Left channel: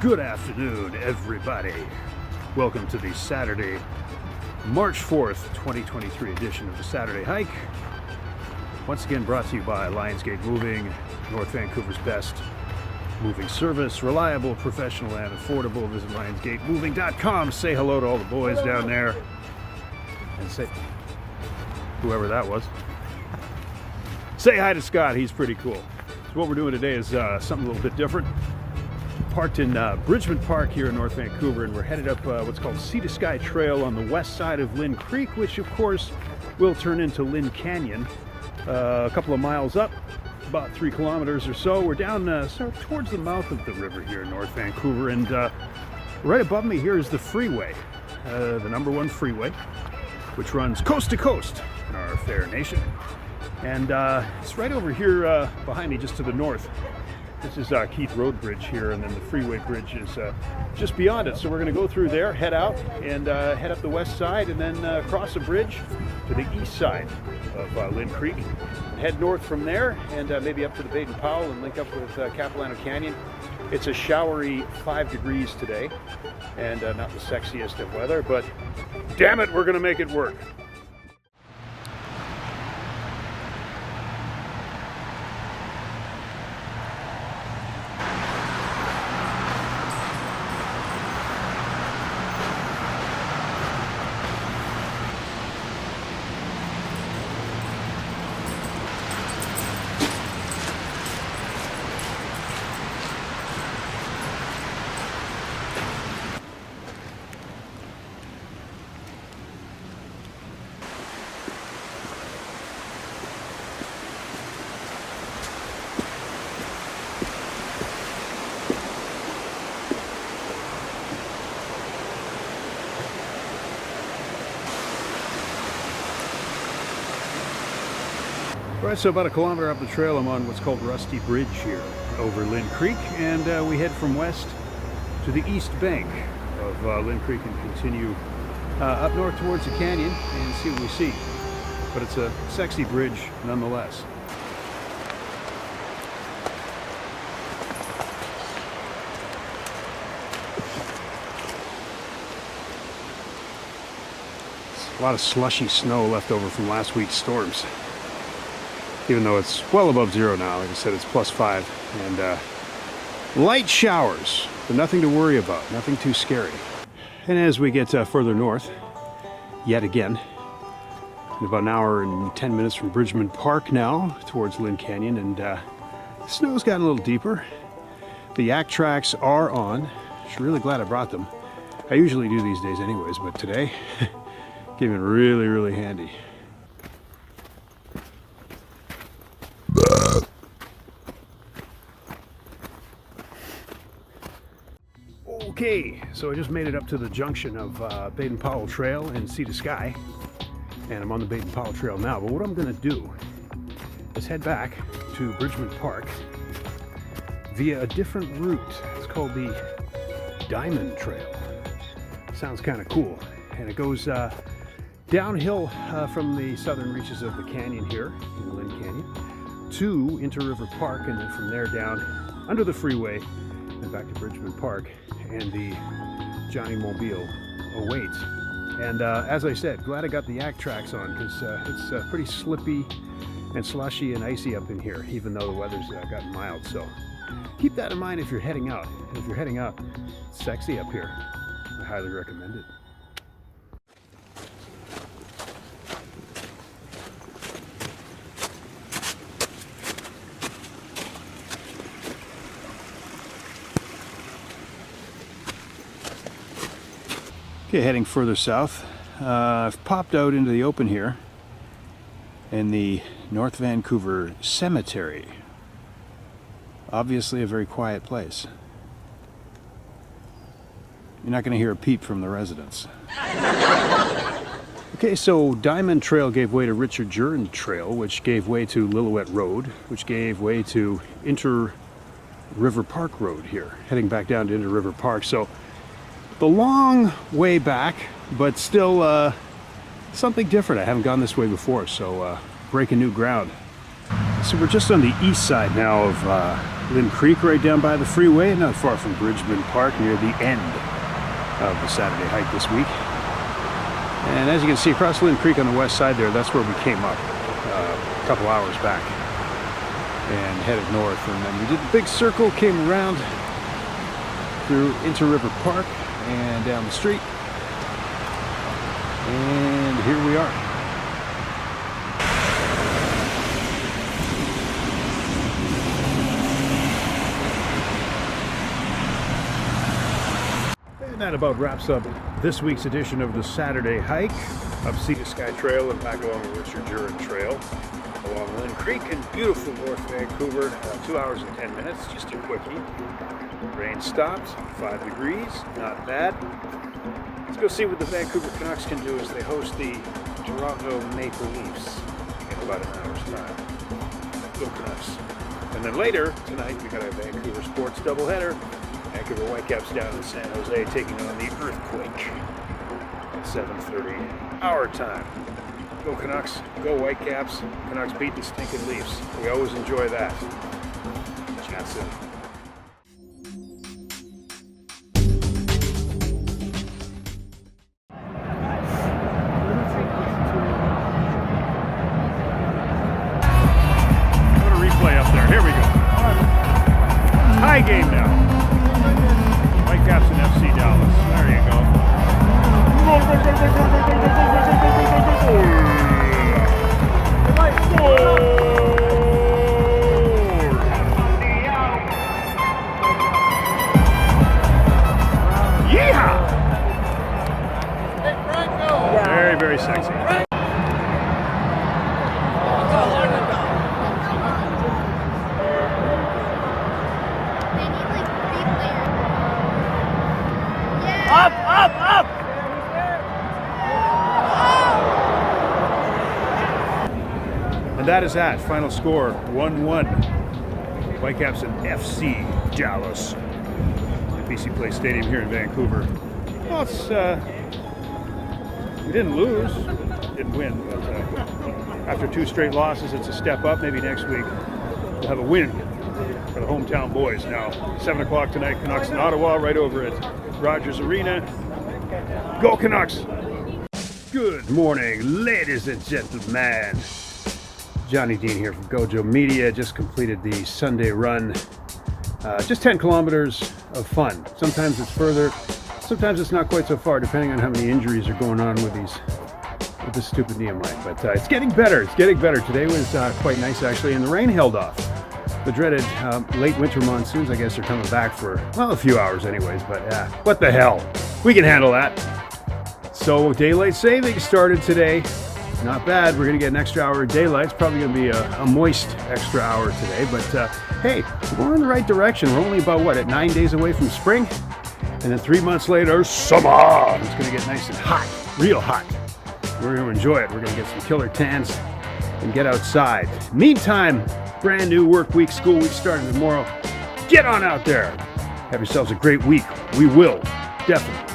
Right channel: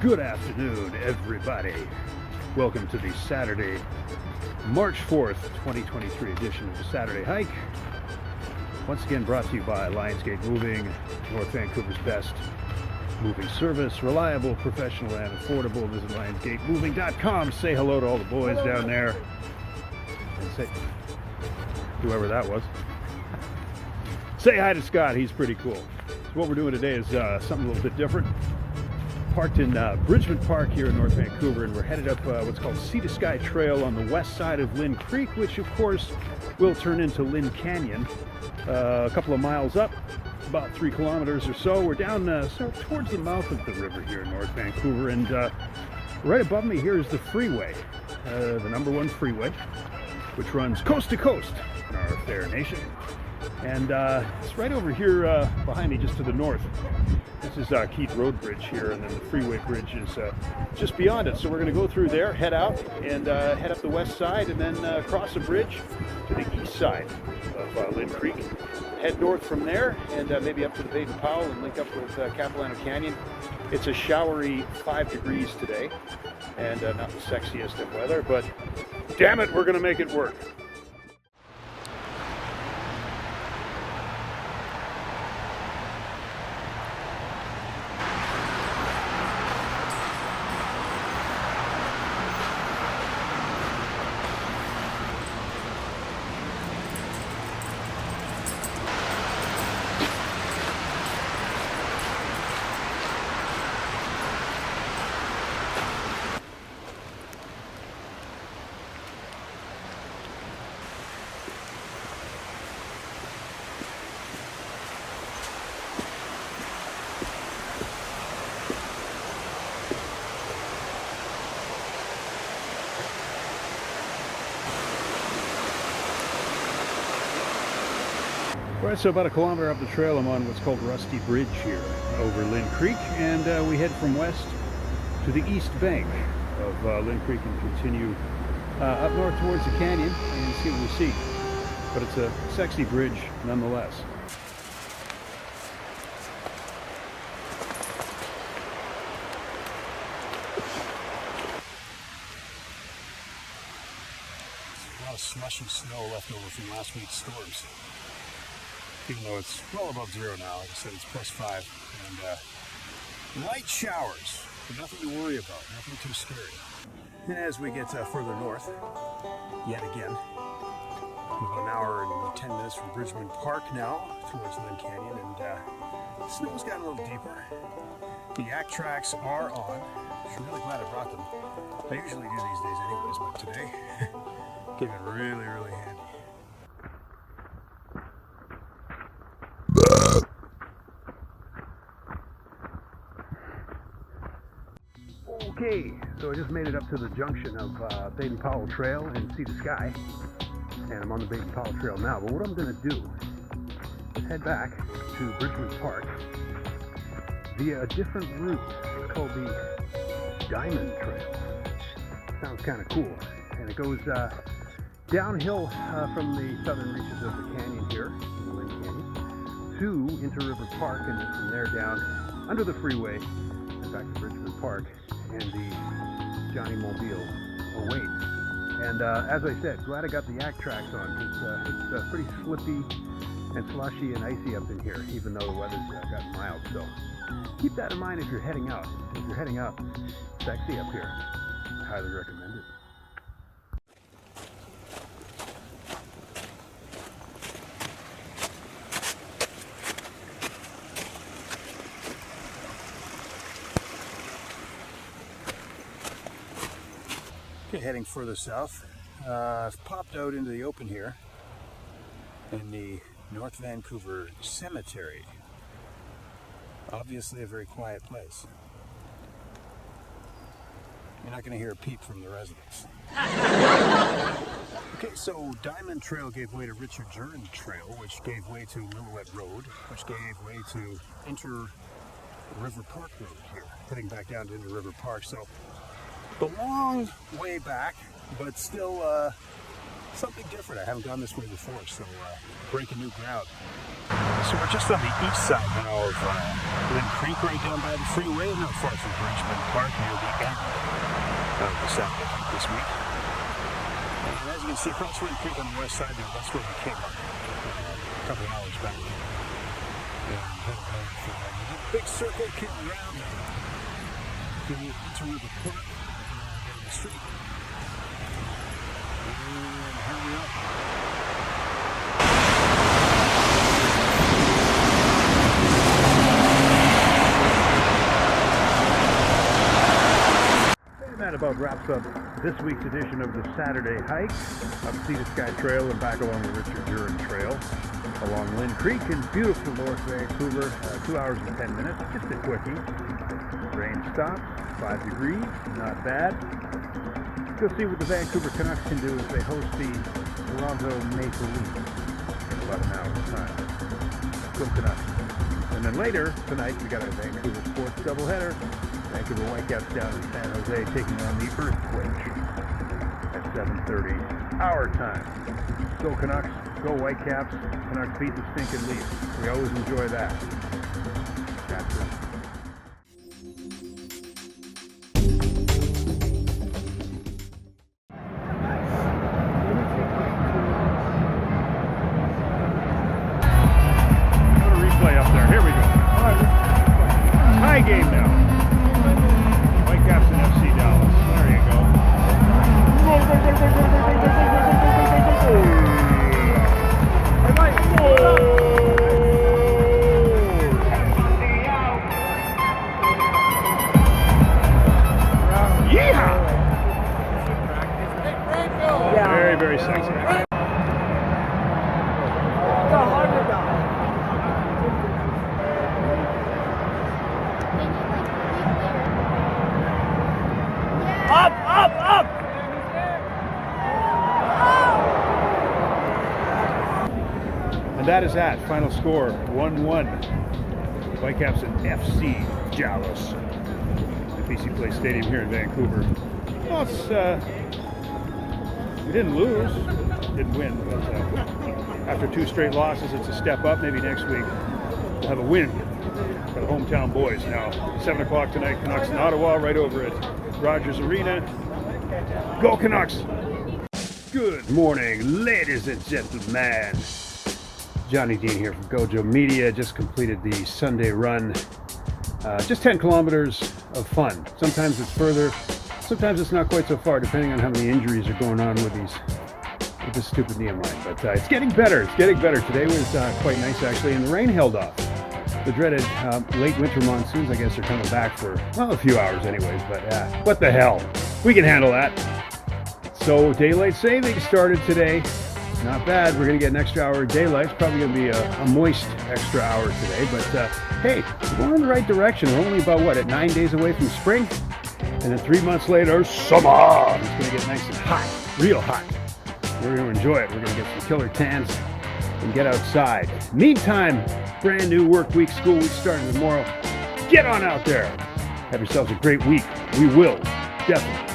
Good afternoon, everybody. Welcome to the Saturday, March 4th, 2023 edition of the Saturday Hike. Once again brought to you by Lionsgate Moving, North Vancouver's best moving service. Reliable, professional, and affordable. Visit lionsgatemoving.com. Say hello to all the boys down there. And say, whoever that was. Say hi to Scott, he's pretty cool. So what we're doing today is something a little bit different. Parked in Bridgman Park here in North Vancouver, and we're headed up what's called Sea to Sky Trail on the west side of Lynn Creek, which of course will turn into Lynn Canyon. A couple of miles up, about 3 kilometers or so. We're down sort of towards the mouth of the river here in North Vancouver, and right above me here is the freeway, the #1 freeway, which runs coast to coast in our fair nation. And it's right over here behind me, just to the north. This is Keith Road Bridge here, and then the freeway bridge is just beyond it. So we're going to go through there, head out, and head up the west side, and then cross a bridge to the east side of Lynn Creek. Head north from there, and maybe up to the Baden-Powell and link up with Capilano Canyon. It's a showery 5 degrees today, and not the sexiest of weather, but damn it, we're going to make it work. Right, so about a kilometer up the trail, I'm on what's called Rusty Bridge here over Lynn Creek, and we head from west to the east bank of Lynn Creek and continue up north towards the canyon and see what we see. But it's a sexy bridge nonetheless. A lot of slushy snow left over from last week's storms. Even though it's well above zero now, like I said, it's +5, and light showers, but nothing to worry about, nothing too scary. And as we get further north, yet again, in about an hour and 10 minutes from Bridgman Park now, towards Lynn Canyon, and the snow's gotten a little deeper. The yak tracks are on. I'm really glad I brought them. I usually do these days anyways, but today came in really, really handy. Okay, so I just made it up to the junction of Baden-Powell Trail and Sea to Sky, and I'm on the Baden-Powell Trail now. But what I'm going to do is head back to Bridgman Park via a different route. It's called the Diamond Trail. Sounds kind of cool, and it goes downhill from the southern reaches of the canyon here, in the Lynn Canyon, to into River Park, and then from there down under the freeway and back to Bridgman Park. And the Johnny Mobile awaits. And as I said, glad I got the yak tracks on, because it's pretty slippy and slushy and icy up in here, even though the weather's gotten mild. So keep that in mind if you're heading out. If you're heading up, it's sexy up here. I highly recommend it. Okay, heading further south. I've popped out into the open here in the North Vancouver Cemetery. Obviously a very quiet place. You're not going to hear a peep from the residents. Okay, so Diamond Trail gave way to Richard Jern Trail, which gave way to Lillooet Road, which gave way to Inter River Park Road here, heading back down to Inter River Park. So the long way back, but still something different. I haven't gone this way before, so breaking new ground. So we're just on the east side now of Lynn Creek right down by the freeway, not far from Bridgman Park, near the end of the Saturday hike this week. And as you can see across Lynn Creek on the west side there, that's where we came up a couple hours back and headed north. And then we did the big circle, came around through into River Park and down the street. And here we are. That about wraps up this week's edition of the Saturday hike up Sea to Sky Trail and back along the Richard Duran Trail along Lynn Creek in beautiful North Vancouver. 2 hours and 10 minutes, just a quickie. Rain stopped, 5 degrees, not bad. Let's go see what the Vancouver Canucks can do as they host the Toronto Maple Leafs in about an hour's time. Go Canucks. And then later tonight we got a Vancouver sports doubleheader. Vancouver Whitecaps down in San Jose taking on the Earthquake at 7:30 our time. Go Canucks, go Whitecaps. Canucks beat the stinking Leafs. We always enjoy that. Chat soon. Go to replay up there. Here we go. High game now. Whitecaps and FC Dallas. There you go. Yeehaw! Very, very sexy. And that is that. Final score, 1-1. Whitecaps and FC Dallas at BC Place Stadium here in Vancouver. Well, it's, we didn't lose, didn't win, but after 2 straight losses, it's a step up. Maybe next week we'll have a win for the hometown boys. Now, 7 o'clock tonight, Canucks in Ottawa, right over at Rogers Arena. Go Canucks! Good morning, ladies and gentlemen. Johnny Dean here from Gojo Media. Just completed the Sunday run. Just 10 kilometers of fun. Sometimes it's further, sometimes it's not quite so far, depending on how many injuries are going on with this stupid knee of mine. But it's getting better. It's getting better. Today was quite nice actually, and the rain held off. The dreaded late winter monsoons, I guess, are coming back for, well, a few hours anyways. But what the hell? We can handle that. So daylight saving started today. Not bad. We're going to get an extra hour of daylight. It's probably going to be a moist extra hour today. But hey, we're going in the right direction. We're only about, at 9 days away from spring? And then 3 months later, summer! It's going to get nice and hot, real hot. We're going to enjoy it. We're going to get some killer tans and get outside. Meantime, brand new work week, school week starting tomorrow. Get on out there. Have yourselves a great week. We will. Definitely.